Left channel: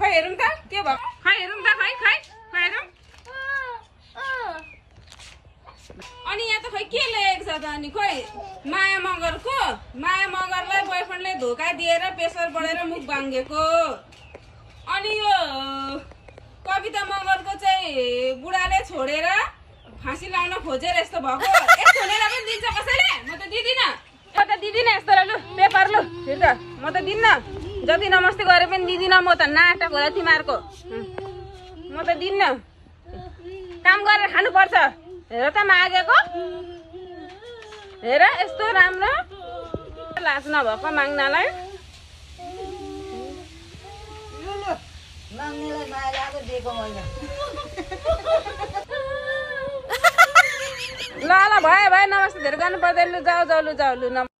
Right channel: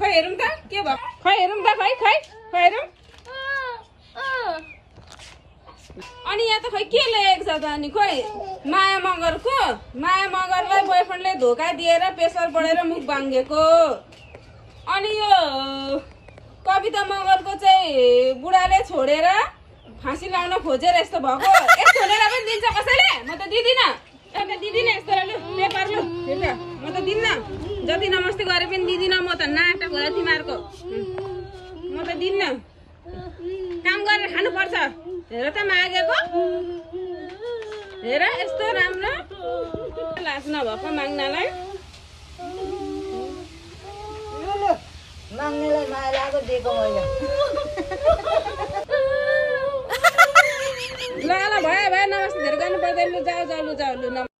खै हेरौँ त के भयो खै हेरौँ त खै खै खै हेरौँ अनि यहाँ त खै के लेखेको छ त अनि खोइ माया मगरलाई बोयफ्रेन्डले धोका दिएर प्रेसर बढेर मुख बाङ्गेको अनि यो कविता मगरको चाहिँ बुढाले छोडेर फाँसी लाउन खोजेर यस्तो भएको यस्तो छोडेर पनि दिन्छ कसैले म त दिदिनँ यस्तो लु पेपर लु म त दिन्न जति नमस्ते गरे पनि दिदिनँ म त नाटक होला तिमीहरूको म त दिन्न काम गरेर खानुपर्छ हेर त मागेको हेर यस्तो राम्रो लाज नभएको माग्नलाई माग्नेलाई माया लागेको दिएको मैले ल भयो नमस्ते धेरै गर्नु पर्दैन लु जाऊ